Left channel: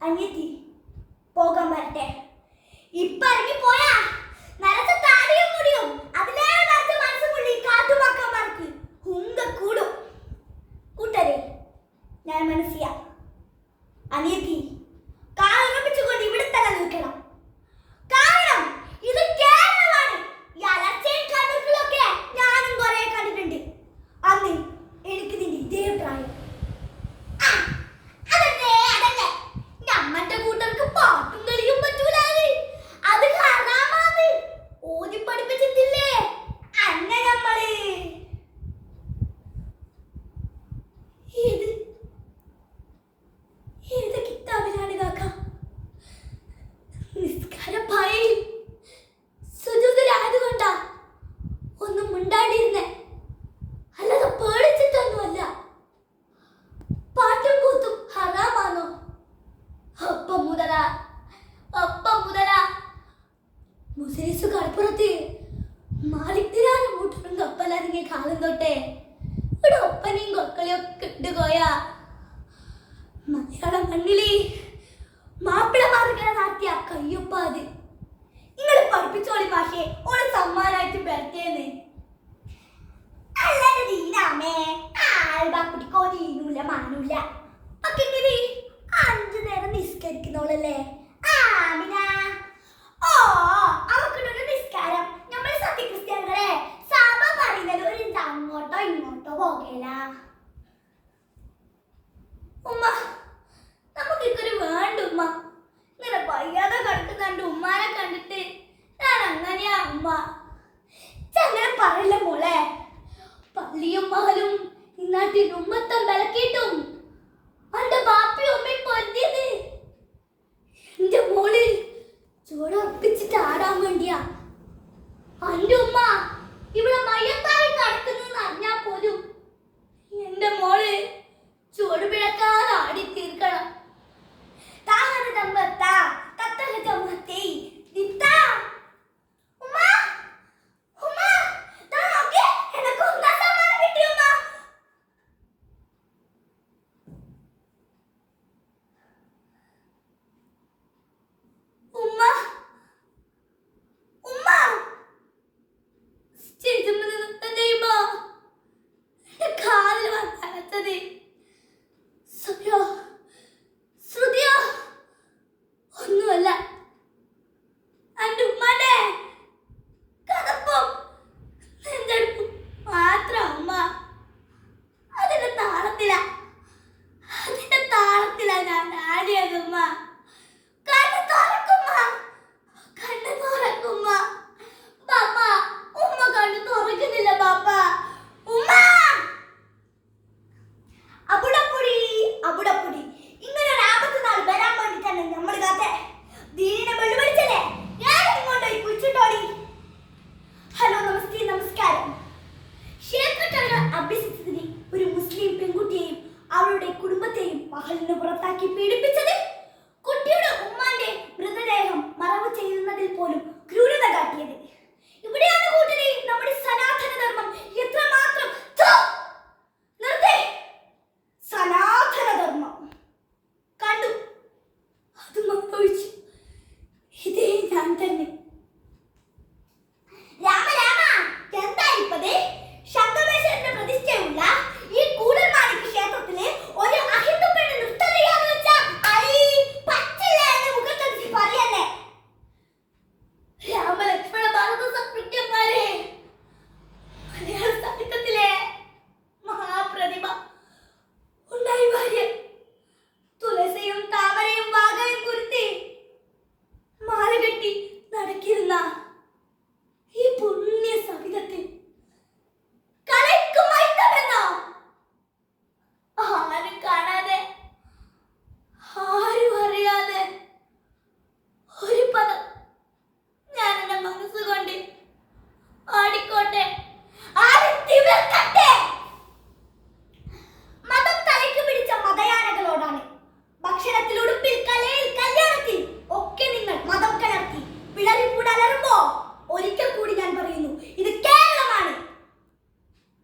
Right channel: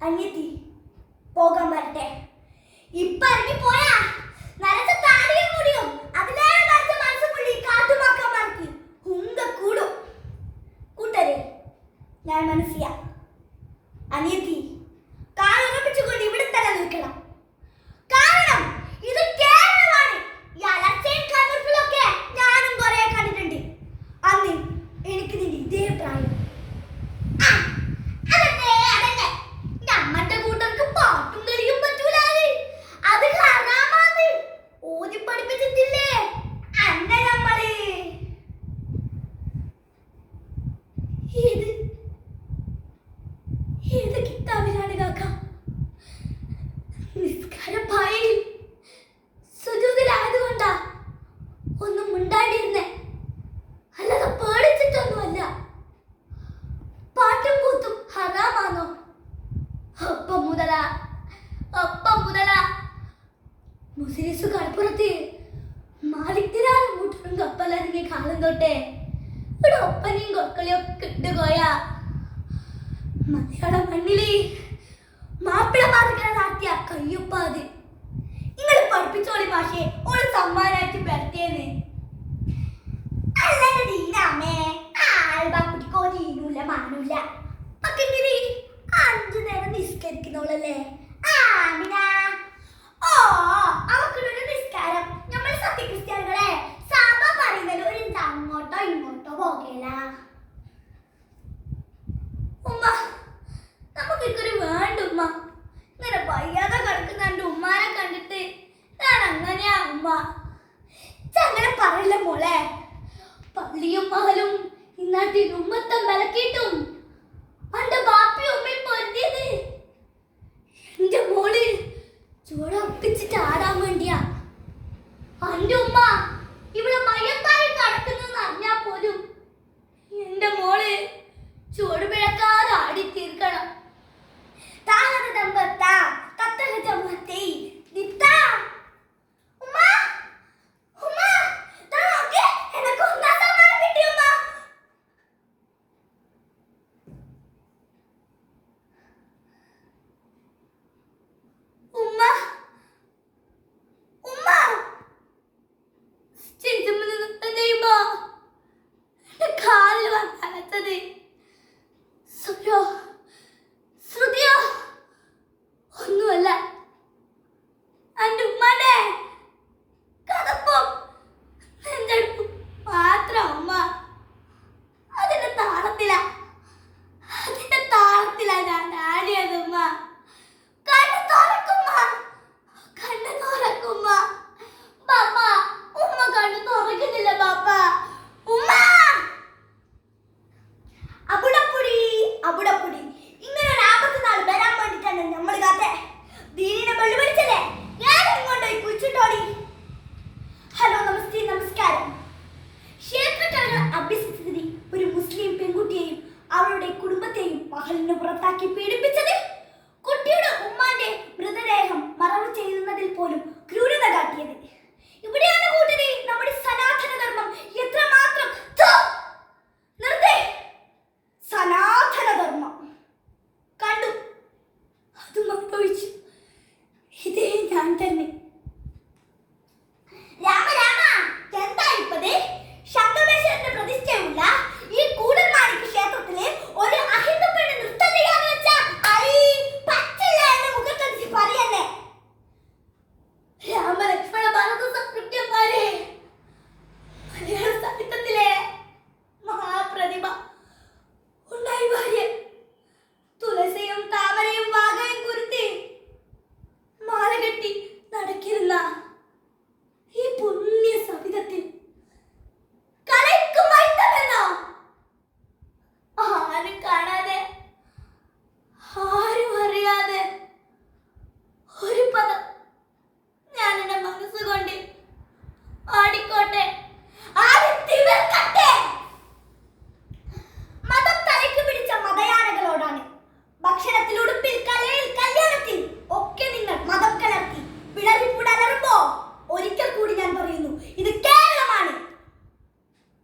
അനിയത്തി പോകാൻ വരട്ടെ. ഇപ്പൊ ഇറങ്ങി പോയാ നരച്ച താടിയും മുടിയും അതിലേറെ നരച്ച മനസ്സ് പുള്ളി കാറ്റുമാക്കാൻ മറക്കി ഉങ്ക കൂടും. കൂട്ടരെ ഞാൻ മനസ്സിയ അനിയത്തി മിണ്ടാണ്ടിരുന്നേ. അല്ലാതെ പേടിച്ചിട്ടൊന്നുമല്ല. പാട്ടും കൂത്തും ഹറാമാണോ അപ്പം മുതല അപ്പം മുതല. മുസ്ലിസ് കടപ്പുറത്ത് മാലിക്തിരാനും കൂട്ടരും കപ്പലറിങ്ങിയ കാലം തൊട്ടേ. ഇവിടെ ഒപ്പനയും കൊക്കളിയൊക്കെ ഒക്കെ ഇട്ടുപോയാ മലയാള മണ്ണിലെ മാപ്പിളമാർക്കിനെ നാട്ടിയ കയ്യൊപ്പ അത്. നിങ്ങൾ പഠിപ്പിച്ചോളി ഭാഷയെ ഒരു സമ്മാനമായിട്ട് പെരത്തേന്ന് ദീനൂല മാനൂല ഇങ്ങനെ അഞ്ചു നേരം നിസ്കരിക്കുന്നോളല്ലേ ആമിന ഓ അവക്കിട്ടൊരു നിസ്കാരം. നമ്മൾ സത്യക്രിസ്ത്യാനികളെ സഭ പറയുന്നത് ഒരു അങ്ങോട്ടോ ഇങ്ങോട്ടോ പോകേല. ഉമ്മ നമുക്ക് ഇക്കൊരു വേണ്ട ഉമ്മ. ഇങ്ങനെ വയ്യാതെ കിടക്കുന്ന എന്റെ ഉമ്മാനെ കണ്ടിട്ട് ഞാൻ അങ്ങനെയാ ഉമ്മ. അങ്ങനെ പറയില്ല മോളെ. പള്ളിയും മഹലും ഇന്നാട്ടി ഉമ്മത്തെ വിലക്കിയിട്ടും അന്റെ ബാപ്പി ഉമ്മയും പൊന്നിയത്. എന്റെ മോൾ ചൂടപ്പിച്ചിട്ട് ആടാൻ വേണ്ടിയാ. അന്റെ ഉമ്മ ഇവിടെ മയ്യത്തായി ser a